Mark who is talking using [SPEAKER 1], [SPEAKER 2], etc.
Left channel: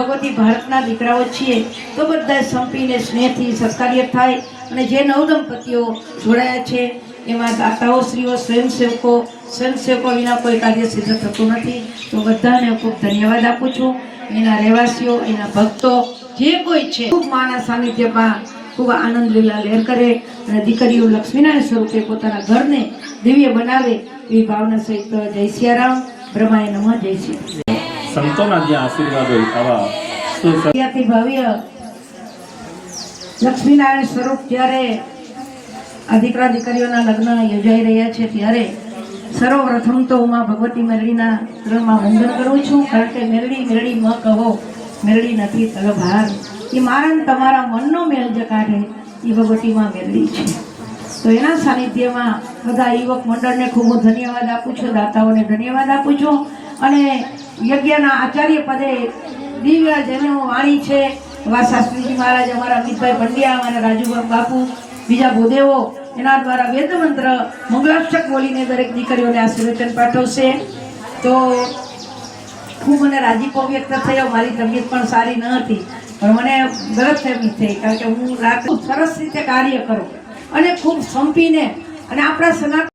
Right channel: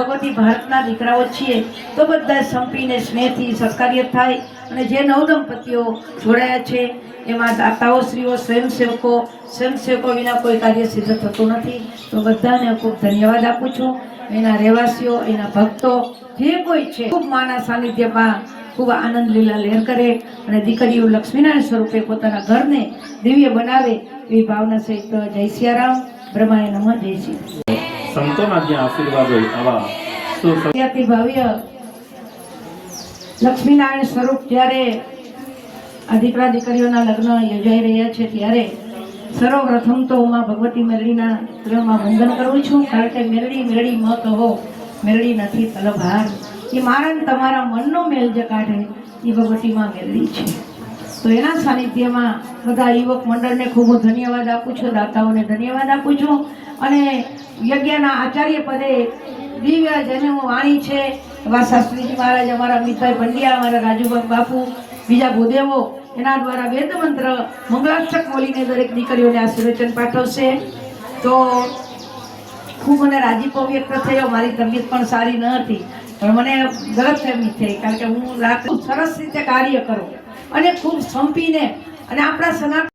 [SPEAKER 1] ભગવતી ભારતના દીકરાઓ છીએ, તો બધા સંપીને સ્નેહથી સત્કાર્ય થાય અને જે નવ દંપતીઓ જોડાયા છે, એમાં દાતાઓ શ્રીઓ સ્વયંસેવકો સ્વયંસેવકો વિના કોઈ કાર્ય સિદ્ધ થતું નથી. તો બધાને ખૂબ ધન્યવાદ આપું છું. એના રહેવાસીઓ, એના ભક્તો, જે કોઈ છે, ખૂબ માના સાનિધ્યમાં ખૂબ આનંદ લીલા લહેર કરે અને દીકરીઓ લક્ષ્મીનારાયણ સ્વરૂપે પોતાના ઘરને દિવ્ય બનાવે એવી ભાવના સહિત જય સિયારામ. બ્રહ્માએ નમઃ, જય સિયા
[SPEAKER 2] સંતોના જ્યાં આશીર્વાદ હોય આવા સુખ
[SPEAKER 1] ભવ્ય લક્ષ્મીનારાયણ સ્વરૂપ જ્યારે અધિકરા દીકરીઓના લગ્ન યોજાઈ રહ્યા છે ત્યારે સર્વપ્રથમ તો ઉમા ભગવતી મેરડીના ચરણમાં વંદન કરું છું, કારણ કે મેરડી મેરડી મ કહો, મેરડી નથી તલભાર એ મારણ તમારા મનનો મેલ જે કાઢે એ ભગવતીમાં મેરડી છે. તો એના સાનિધ્યમાં બધા યુવક મંડળને ખૂબ ધન્યવાદ આપું છું, દાતાઓને ધન્યવાદ આપું છું. અને યજ્ઞના આચાર્ય પદે દિવ્ય જેની વાણી છે, એવા શાસ્ત્રીજી મહારાજ અમારા અમિતભાઈ પંડ્યા, અમારા રાજુભાઈ બાપુ, બીજા ભૂદેવો, એના દ્વારા વેદ મંત્ર મંગલાષ્ટક બોલીને દરેક દીકરીઓને આશીર્વચન પાઠવશે. તો ખૂબ મને રાજીપો વ્યક્ત થયો, મારી તબિયત પણ સારી ન હતી, પણ મને ગલતફહેમી થઈ, કારણ કે હું રાત સરસ રીતે કાર્ય કરું અને ખૂબ સંપીને અને આપણા સનાતન